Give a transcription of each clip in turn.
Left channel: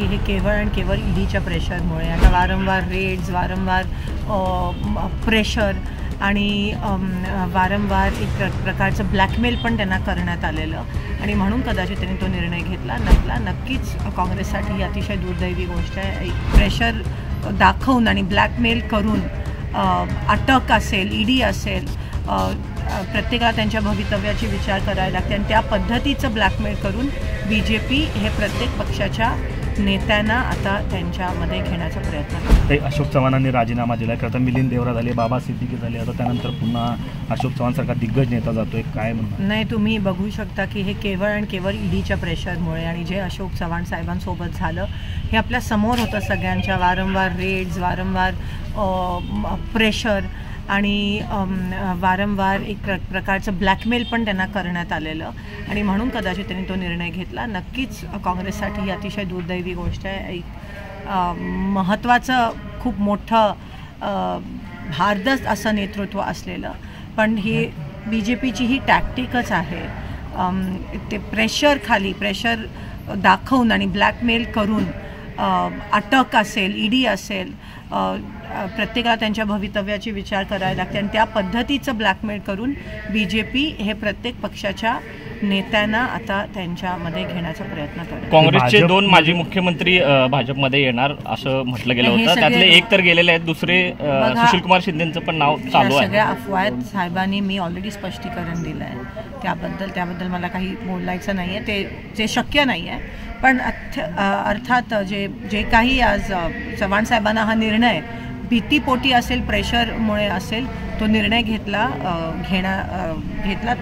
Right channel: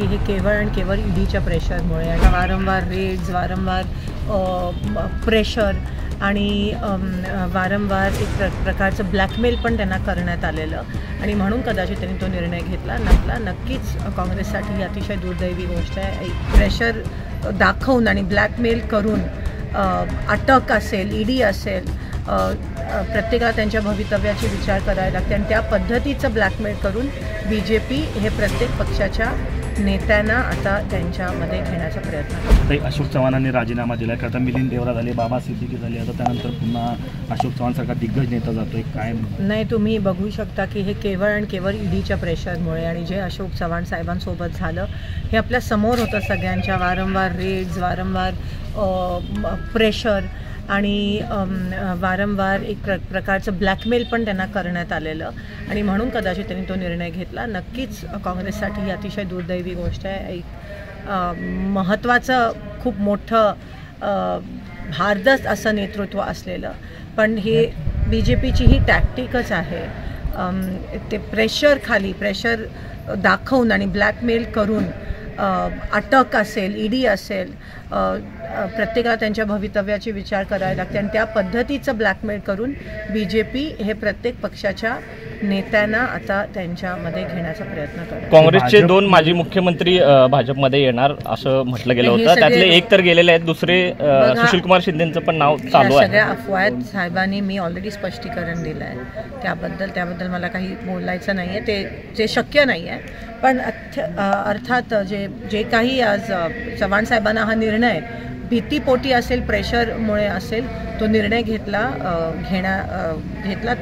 की हे केवळ आणि केवळ ईडीच्या प्रेशरमुळे आता वारंवार रेड्स, वारंवार प्रेशर आणि वारंवार एक प्रकारचं ब्लॅकमेल पण त्यांना करण्यात आलेलं आणि म्हणून कदाचित त्यांनी तो निर्णय घेतला नसला. नक्कीच काँग्रेससाठी ही अतिशय दुर्दैवी गोष्ट आहे. एक प्रेशर दाखवून आणि ब्लॅकमेल करून अटक असेल, ईडी असेल, प्रत्येकाला त्यांच्या भवितव्याची विचार करायला लागते आणि त्या पद्धतीचं ब्लॅकमेल करून BJP हे प्रत्येक पक्षाच्या नेत्यांना आता त्यांच्यामध्ये घेण्याचा प्रयत्न करतात. अशोक चव्हाणांनी राजीनामा दिला, आता मिलिंद देवरा झाले, बाबा सिद्दीकी झाले, आता त्यानंतर पुन्हा अशोक चव्हाण सारखा दिग्गज नेता जातोय, काय नाही तुम्ही बघू शकता की हे केवळ आणि केवळ ईडीच्या प्रेशरमुळे आणि जे अशोक चव्हाण साहेबांसोबत झालं हे आपल्या समोर होतं सगळ्यांच्या. वारंवार रेड्स, वारंवार प्रेशर आणि वारंवार एक प्रकारचं ब्लॅकमेल पण त्यांना करण्यात आलेलं आणि म्हणून कदाचित त्यांनी तो निर्णय घेतला. नक्कीच काँग्रेससाठी ही अतिशय दुर्दैवी गोष्ट आहे. एक महत्त्वाचं खूप मोठं भारदस्त असं नेतृत्व असलेलं पण हे BJPची ही टॅक्टिकच आहे. ते प्रेशर दाखवून आणि ब्लॅकमेल करून अटक असेल, ईडी असेल, प्रत्येकाला त्यांच्या भवितव्याची विचार करायला लागते आणि त्या पद्धतीचं ब्लॅकमेल करून BJP हे प्रत्येक पक्षाच्या नेत्यांना आता त्यांच्यामध्ये घेण्याचा प्रयत्न करतात. काँग्रेसचे 2 माजी मुख्यमंत्री भाजपमध्ये येणार असं म्हटलं गेलं होतं, त्यातले एक तर गेलेले आहेत, दुसरे सुशीलकुमार शिंदेचं पण नाव चालू आहे. सगळ्या अफवा आहेत. साहेबांनी मी ऑलरेडी स्पष्टीकरण दिलं आहे त्याबद्दल मला काही बोलायचं नाही आहे, ते शक्य नाही आहे. पण अर्थात जे काही आज चव्हाण साहेबांना हा निर्णय भीतीपोटी असेल, प्रेशरमुळे असेल, तो निर्णय घेतला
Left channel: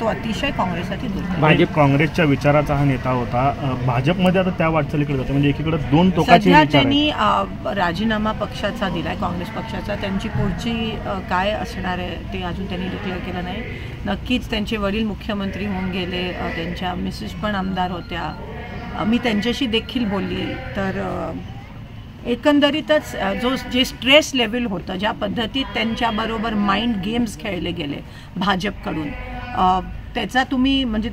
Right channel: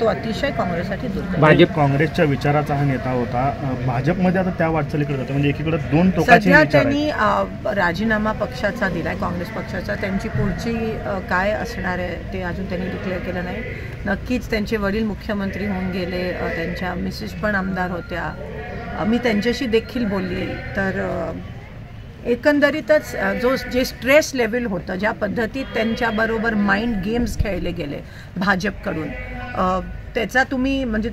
तो अतिशय काँग्रेससाठी दुर्दैवी. भाजप काँग्रेसच्या विचाराचा हा नेता होता, भाजपमध्ये आता त्या वाटचालीकडे होता, म्हणजे एकीकडे 2 टोकाचे सध्या त्यांनी राजीनामा पक्षाचा दिलाय, काँग्रेस पक्षाचा. त्यांची पुढची काय असणार आहे ते अजून त्यांनी डिक्लेअर केलं नाही. नक्कीच त्यांचे वडील मुख्यमंत्री होऊन गेले, त्यांच्या मिसेस पण आमदार होत्या, मी त्यांच्याशी देखील बोलली. तर एकंदरीतच जे स्ट्रेस लेवल होतं, ज्या पद्धतीत त्यांच्याबरोबर माइंड गेम्स खेळले गेले भाजपकडून, त्याचा तुम्ही म्हणजे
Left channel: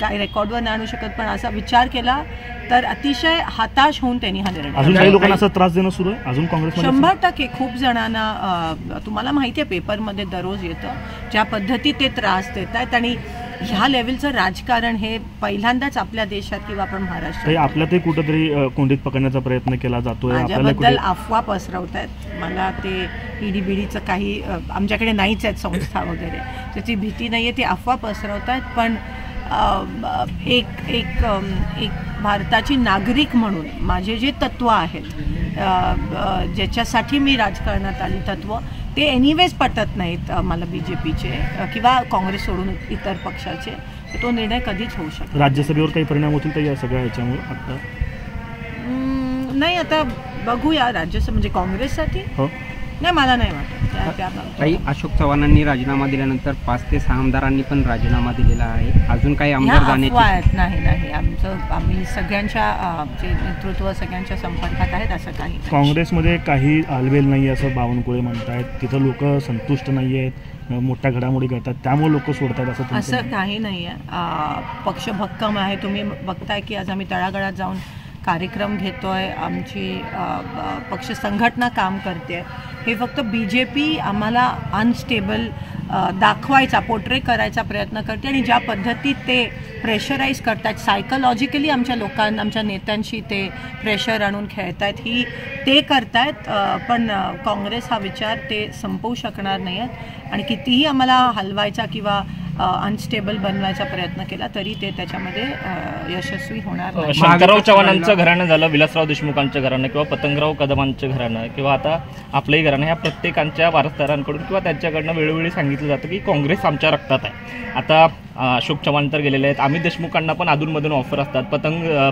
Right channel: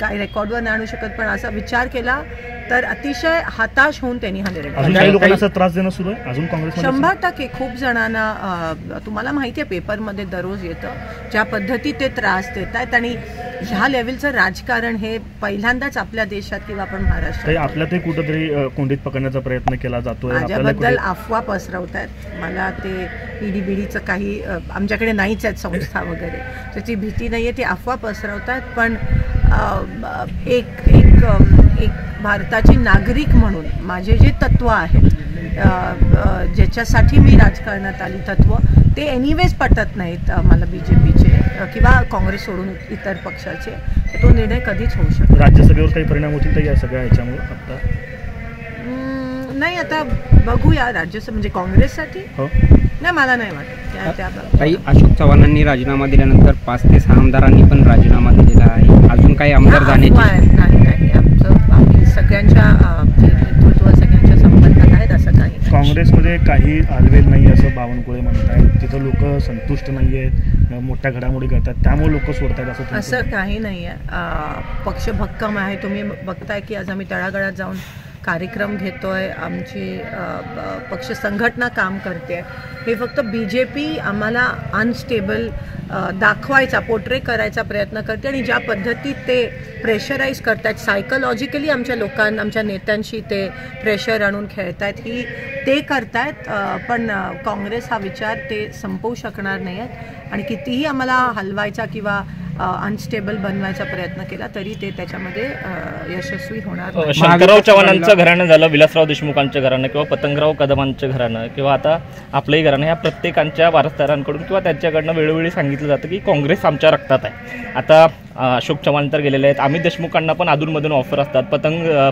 काय रेकॉर्डवर नाही आणू शकत, पण असा विचार केला तर अतिशय हताश होऊन त्यांनी हा निर्णय लोकांना त्रास देणं सुरू आहे अजून काँग्रेस. 100% खूप जणांना तुम्हाला माहिती आहे पेपरमध्ये दररोज येतं ज्या पद्धतीत ते त्रास देत आहेत आणि ह्या लेवलचं राजकारण हे पहिल्यांदाच आपल्या देशात किंवा आपण महाराष्ट्रात आपल्यातही कुठेतरी कोंडीत पकडण्याचा प्रयत्न केला जातोय. माझ्याबद्दल अफवा पसरवत आहेत. मला ते ईडीबीडीचं काही आमच्याकडे नाहीच आहेत संस्था वगैरे, त्याची भीती नाही आहे, ती अफवा पसरवतात. पण एक भारताची नागरिक म्हणून माझे जे तत्त्व आहेत, ज्याच्यासाठी मी राजकारणात आली, तत्त्व ते एनिवेज पटत नाहीत मला BJPचे किंवा काँग्रेस सोडून इतर पक्षाचे, तर तो निर्णय कधीच होऊ शकतो. राज्यसभेवर काही परिणाम होतील तर या सगळ्या ह्याच्यामुळे नाही, आता बघूया. राज्यसभा म्हणजे काँग्रेससाठी नाही, मला नाही वाटत काही. अशोक चव्हाणांनी राजीनामा दिल्यानंतर 5 ते 6 आमदारांनी पण राजीनामा दिलेला आहे. अजून काही आमदार नाही, आम्ही सगळ्यांच्या नेतृत्व सगळ्यांच्या संपर्कात आहेत, असं काही. काँग्रेसमध्ये काही हलवेल नाही असं बावनकुळे म्हणतात, तिथं लोक संतुष्ट नाही आहेत, मोठ्या घडामोडी करतात, त्यामुळे लोक सोडतात असं काही नाही आहे. पक्ष भक्कम आहे. तुम्ही बघताय की आज आम्ही तळागाळात जाऊन कार्यक्रम घेतोय, आमची पक्ष संघटना काम करते. हे फक्त BJP आम्हाला अनस्टेबल दाखवायचा, पोर्ट्रे करायचा प्रयत्न करते आणि ज्या पद्धतीत ते प्रेशराईज करतात सायकोलॉजिकली आमच्या लोकांना, आमच्या नेत्यांशी ते प्रेशर आणून खेळतायत, ते करतायत. पण काँग्रेस हा विचार ते संपवू शकणार नाही आहेत आणि कितीही आम्हाला हलवायचा किंवा अनस्टेबल बनवायचा प्रयत्न केला तरी ते त्याच्यामध्ये यशस्वी होणार नाही. शंकरराव चव्हाणांचं घराणं झालं, विलासराव देशमुखांचं घराणं किंवा पतंगराव कदमांचं घराणं किंवा आता आपलंही घराणं, ह्या प्रत्येकांच्या वारसदारांकडून किंवा त्यांच्याकडनं वेळोवेळी सांगितलं जातं की काँग्रेस आमच्या रक्तात आहे. आता अशोक चव्हाण तर गेलेले आहेत, अमित देशमुखांना पण अधूनमधून ऑफर असतात,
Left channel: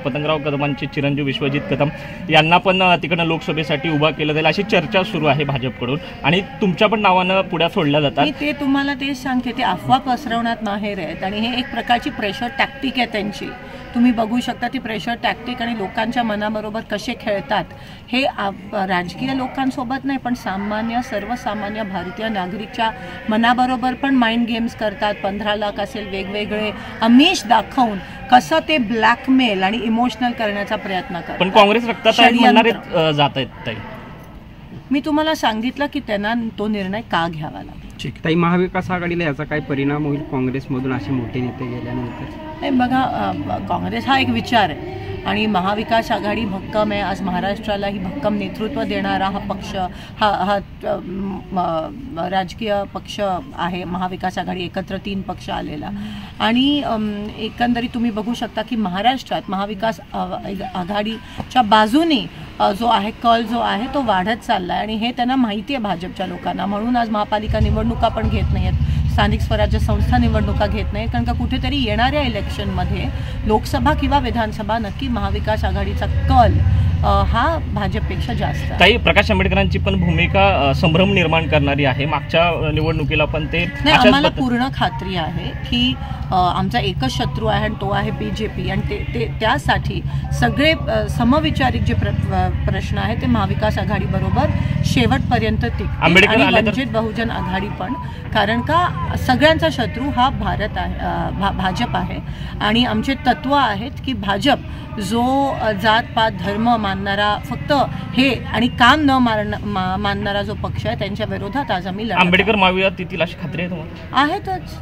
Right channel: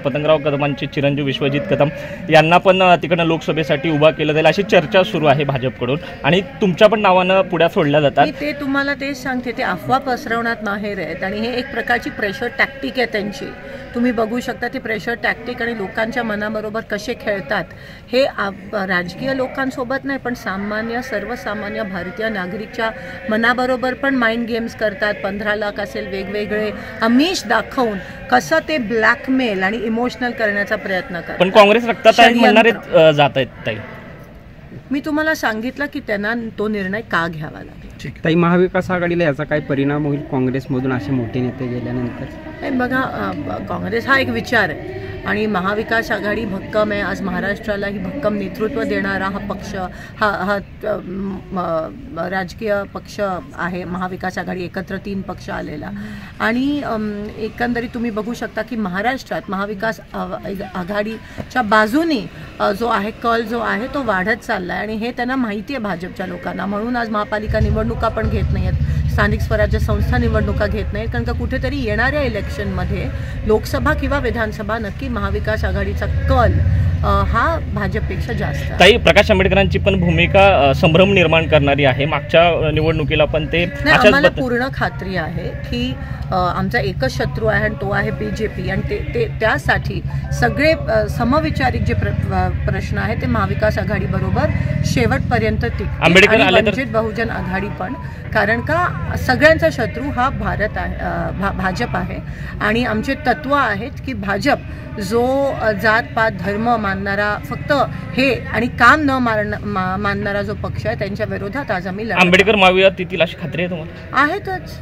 पतंगराव कदमांची चिरंजीव विश्वजित कदम यांना पण तिकडनं लोकसभेसाठी उभा केलं जाईल अशी चर्चा सुरू आहे भाजपकडून आणि तुमच्या पण नावानं पुढ्या सोडल्या जातात. ते तुम्हाला तेच सांगते, ते अफवा पसरवण्यात माहेर आहेत आणि हे एक प्रकारची प्रेशर टॅक्टिक आहे त्यांची. तुम्ही बघू शकता ती प्रेशर टॅक्टिक आणि लोकांच्या मनाबरोबर कसे खेळतात हे राजकीय लोकांसोबत नाही पण सर्वसामान्य भारतीय नागरिकच्या मनाबरोबर पण माइंड गेम्स करतात. 15 लाख असेल वेगवेगळे आमिष दाखवून कसं ते ब्लॅकमेल आणि इमोशनल करण्याचा प्रयत्न करतात. पण काँग्रेस रक्तात जात आहेत. मी तुम्हाला सांगितलं की त्यांना तो निर्णय का घ्यावा लागला. ताई, महाविकास आघाडीला याचा काय परिणाम होईल काँग्रेसमधून असे मोठे नेते गेल्यानंतर? बघा, काँग्रेस हा एक विचार आहे आणि महाविकास आघाडी भक्कम आहे. आज महाराष्ट्रालाही भक्कम नेतृत्व देणारा हा पक्ष हा राजकीय पक्ष आहे. महाविकास आघाडी एकत्र 3 पक्ष आलेला आणि एकंदरीत तुम्ही बघू शकता की महाराष्ट्रात महाविकास आघाडीच्या बाजूने जो आहे कल जो आहे तो वाढत चालला आहे आणि हे त्यांना माहिती आहे भाजपच्या लोकांना. म्हणून आज महापालिका निवडणुका पण घेत नाही आहेत, स्थानिक स्वराज्य संस्था निवडणुका घेत नाहीत, कारण का कुठेतरी येणाऱ्या इलेक्शनमध्ये लोकसभा किंवा विधानसभा नक्की महाविकास आघाडीचा कल हा भाजपपेक्षा जास्त आहे. ताई, प्रकाश आंबेडकरांची पण भूमिका संभ्रम निर्माण करणारी आहे. मागच्या निवडणुकीला पण ते नाही, आम्हाला पूर्ण खात्री आहे की आमचा एकच शत्रू आहे आणि तो आहे बीजेपी आणि ते त्यासाठी सगळे समविचारिक जे प्रश्न आहेत ते महाविकास आघाडी बरोबर शेवटपर्यंत टिकतील आणि वंचित बहुजन आघाडी पण, कारण का सगळ्यांचा शत्रू हा भारत आहे, भाजप आहे आणि आमचे तत्व आहेत की भाजप जो जातपात धर्म मानणारा फक्त हे आणि काम न मानणारा जो पक्ष आहे त्यांच्या विरोधात आज आम्ही लढत आंबेडकर मावियात येतील अशी खात्री आहे तुम्हाला? आहेतच.